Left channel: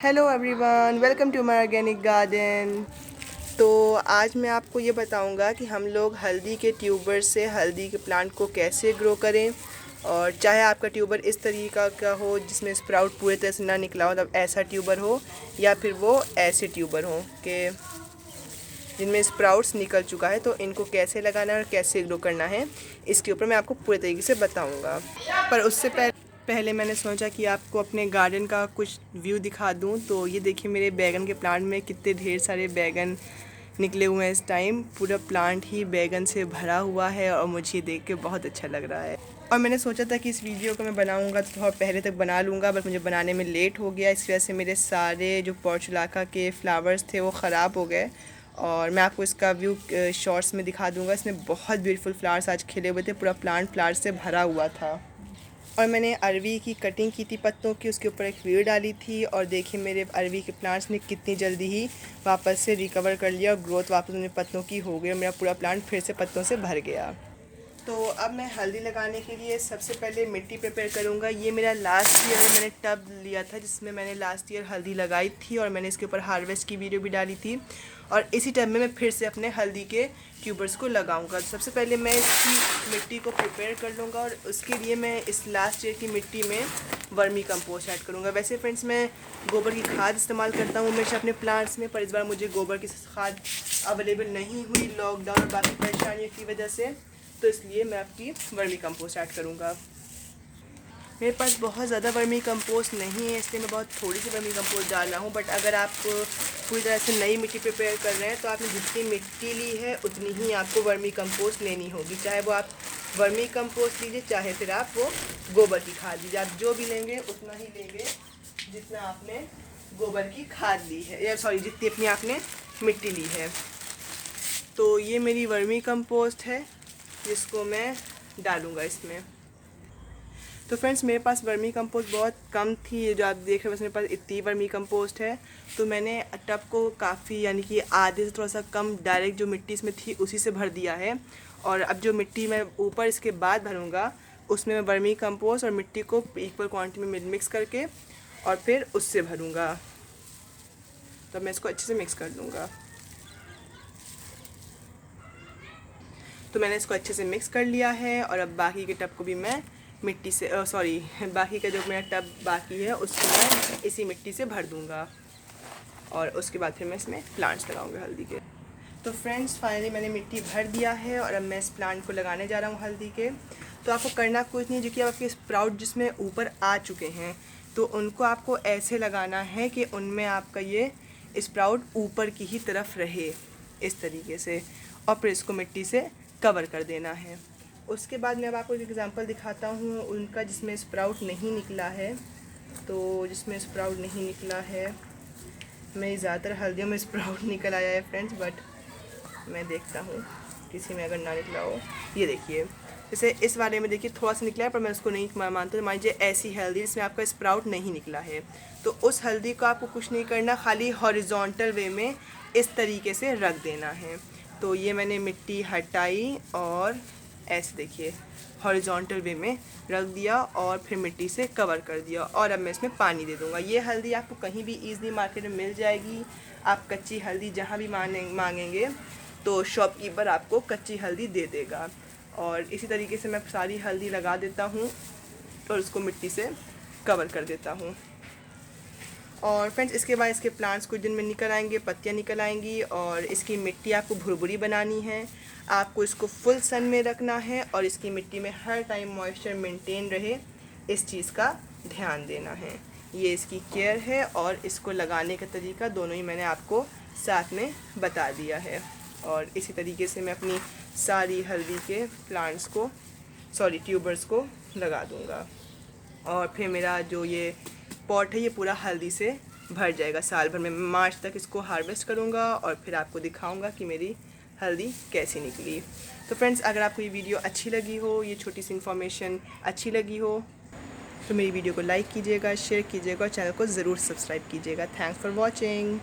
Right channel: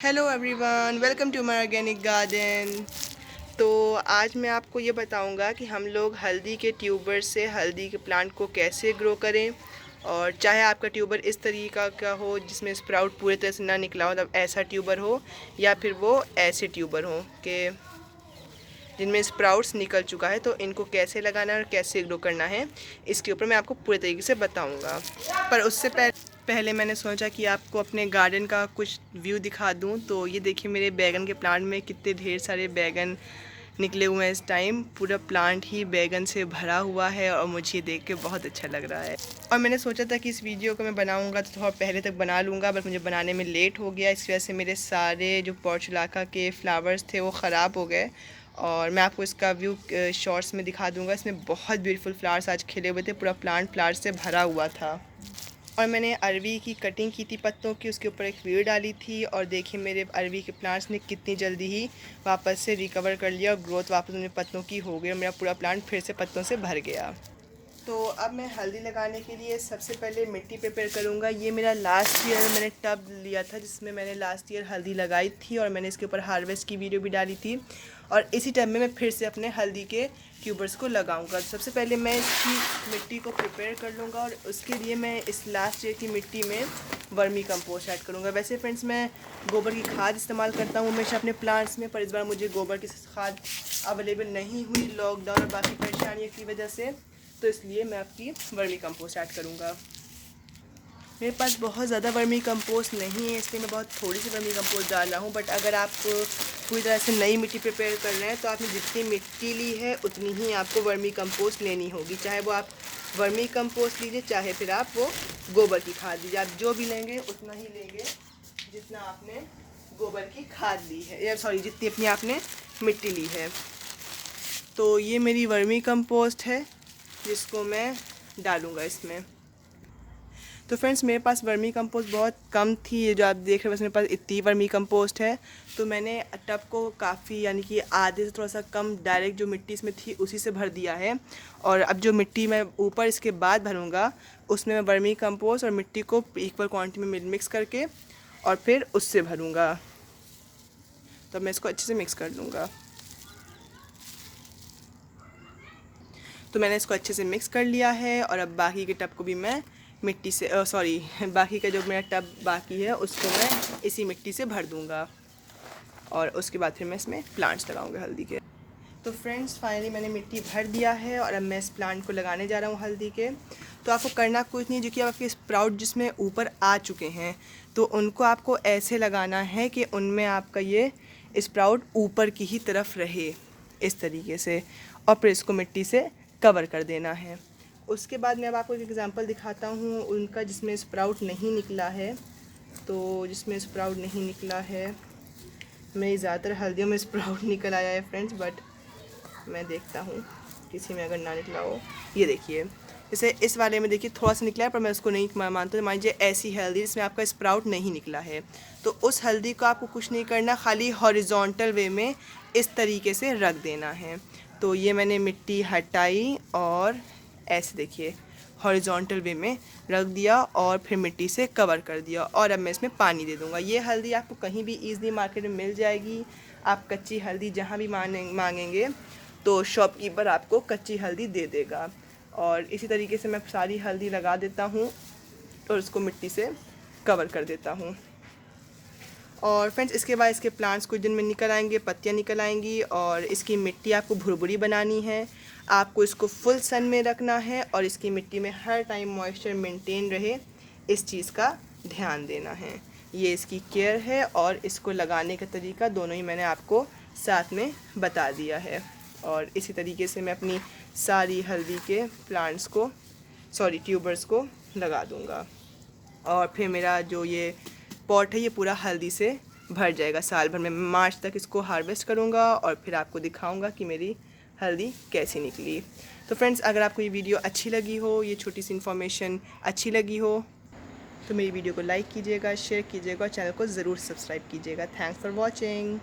Hello everyone, welcome to my organic garden. तो आज मैं आपको ये बताऊंगा कि हम लोग हल्दी के ट्यूबर से हल्दी के प्लांट को कैसे ग्रो करें। और चाहे आपका ट्यूबर इस तरीका का हो जिसमें स्प्राउट पूरे तरह से ना निकला हो, मतलब ऐसा ट्यूबर हो, या फिर वो ऐसे ट्यूबर हो कि जिनमें स्प्राउट्स निकल चुका है, तो इनको कैसे लगाना है और कैसे ग्रो करना है, इसके ऊपर मैं आपको पूरे तरीके से बताऊँगा। पर उससे पहले मैंने सोचा कि आपको अपने गार्डन का कुछ व्यू दिखा दूं। तो ये देखिए, मेरे बैगन के प्लांट में कितने ढेर सारे बैगन निकले हुए हैं। इस टाइम पूरा प्लांट ही बैगन से भरा हुआ है और मुझे देख के बहुत अच्छा लग रहा है। और मैंने सोचा था कि इस वीडियो को मैं बनाऊंगा तो थोड़ा पहले तक बना लूँगा, बट मुझे बनाने में लेट हो गया। इस वजह से मेरे सारे जो पोर्चुलाका के फ्लावर्स थे वो ख़राब हो गए। और मैं आपको इसका व्यू शॉर्ट्स में दिखा दूँगा। इसमें बहुत ब्यूटीफुल फ्लावर्स आज खिले हुए थे, पूरा प्लांट फ्लावर्स से भरा हुआ था। और मैंने अरवी की कटिंग की थी पत्तों की, उसके ऊपर एक वीडियो डाली थी। और देखिए मेरे अरवी के प्लांट्स ने कितनी जल्दी ही वापस से रिकवर कर लिया और ग्रोथ वापस उन्हें पत्तों की हो गई और मेरा पूरा प्लांट फिर से पत्तों से भर गया। तो अब मैं हल्दी लगाने के लिए सबसे पहले मिट्टी प्रिपेयर करूँगा। ये मेरा लास्ट ईयर मैंने टब लिया था जिसमें मैंने लास्ट ईयर हल्दी लगाई थी और मैंने इसके ऊपर हार्वेस्ट की वीडियो भी डाली थी। और इसी टब में मैं फिर से अपने हल्दी के ट्यूबर्स को लगाऊंगा। सबसे पहले मैं इसकी मिट्टी को प्रिपेयर कर लूँगा और उसके लिए मैं इस लास्ट ईयर की मिट्टी में वर्मी कंपोस्ट ऐड करूँगा। वैसे फ्रेंड्स, मैं गोबर की खाद इस्तेमाल करता हूँ हमेशा अपने प्लांट्स में, पर इस बार मुझे गोबर की खाद अवेलेबल नहीं हुई लॉकडाउन और बाकी परेशानियों की वजह से, तो इसलिए मैं आपकी वर्मी कंपोस्ट ऐड करूँगा। मेरे पास बहुत ज़्यादा वर्मी कंपोस्ट नहीं है, इसलिए मैं बहुत थोड़ी सी वर्मी कंपोस्ट डाल रहा हूँ। बट अगर आप पूरी तरह से नई मिट्टी प्रिपेयर कर रहे हैं तो आपने जितनी मिट्टी ली है उतनी ही आपको वर्मी कंपोस्ट लेनी होगी। चाहे वो आप वर्मी कंपोस्ट लीजिए, चाहे फिर आप वो गोबर की खाद लीजिए। आप जो भी लेंगे उतना ही लेंगे जितना आपने गोबर की खाद ली है, या सॉरी जितनी अपनी आपने मिट्टी ली है। तो ये मेरी वर्मी कंपोस्ट है जिसको मैं डालूँगा इसमें। तो फ्रेंड्स, मेरे पास वर्मी कंपोस्ट बहुत कम थी, ये जो आप देख रहे हैं, मेरे पास इतनी वर्मी कंपोस्ट है। तो मैंने टब को काफ़ी, यानी कि आधे से थोड़ा सा कम डायरेक्ट जो मिट्टी इसमें थी उसी से भर दिया है। और अब जो मिट्टी मैं ऊपर इसके बाद भरूँगा उसमें मैं वर्मी कंपोस्ट और मिट्टी को इक्वल क्वान्टिटी में मिक्स करके और फिर उससे भरूँगा। तो मैं इसको अच्छे से मिक्स कर लूँगा। तो मैंने इसको अच्छे से मिक्स कर लिया है और अब बाकी के टब को भी मैं मिट्टी से बाकी का जो मेरा टब बाकी है उसको मैं इसी मिट्टी से भर दूंगा। और उसके बाद फिर मैं इसमें प्लांट्स लगाऊंगा हल्दी के। तो फ्रेंड्स, फाइनली मैंने मिट्टी भर दिया है और अब मैं इस प्लांट को लगाने जा रहा हूँ हल्दी के। तो आपको करना कुछ नहीं, जो कि आपके स्प्राउट जिसमें ऊपर आ चुके हैं तो उनको आपको ऐसे लगाना है कि उनमें आपका ये स्प्राउट ऊपर की ही तरफ रहे, इस तरीके से। और फिर इसको मिट्टी से कवर कर देना है। उसके बाद मैं अब आपको एक एग्जांपल दिखाता हूँ उनका जिसमें स्प्राउट नहीं निकला है। तो जिसमें स्प्राउट नहीं निकला है, मैं ज़्यादातर हल्दियों में स्प्राउट निकल आया है फ्रेंड्स, बट मैं देखता हूँ किसी में अगर ना निकला हो। ये देखिए, जैसे इस वाले में देखिए थोड़ा सा निकला है, पर मैं उसको नहीं मानता। मान लीजिए ऐसी हल्दी जिसमें आपका स्प्राउट नहीं निकला है, तो उस हल्दी को आपको कुछ नहीं करना, खाली हॉरिजॉन्टल वे में इस तरीके से रख देना है। तो ये मैंने मिट्टी हटाई और ऐसे देखिए हॉरिजॉन्टल वे में रख दिया और फिर मिट्टी से कवर कर दिया। और अब मैं इसमें पानी दे दूँगा। ये हल्दी आपको कहीं भी ईज़िली मार्केट में मिल जाएगी। आप कच्ची हल्दी जहाँ भी मांगेंगे तो शॉपकीपर आपको कच्ची हल्दी दे देगा। और इसी तरीके से मैं सारी हल्दी लगा देता हूँ और उसको मिट्टी से कवर कर देता हूँ। और फ्रेंड्स, इसके बाद इसके प्लांट्स कुछ दिन में निकल आएंगे, पत्तियाँ निकल आएंगी और इसकी मिट्टी आपको भुरभुरी बनानी है। आपको इसको फुल सन में रखना है और इसकी मिट्टी में हर टाइम मॉइस्चर मेंटेन रहे, इस चीज़ का ध्यान देना है। ये इसकी केयर है और इसको लगाने का तरीका दोनों ही मैंने आपको साथ में बता दिया है। और इसी तरीके से मैं अपनी सारी हल्दी के प्लांट्स को, ट्यूबर्स को लगा दूँगा। और फिर मेरा जो ये पॉट है ये पूरा हल्दी से भर जाएगा। साल भर में मार्च तक इसको हार्वेस्ट करूँगा और फिर आपको दिखाऊँगा कि मेरी हल्दी कैसी निकली। तो फ्रेंड्स, अगर आपको ये वीडियो अच्छी लगी हो, ये छोटी सी इन्फॉर्मेशन अच्छी लगी हो, तो मेरी वीडियो को लाइक कीजिएगा, शेयर कीजिएगा और चैनल को ज़रूर सब्सक्राइब कीजिएगा। Thanks for watching.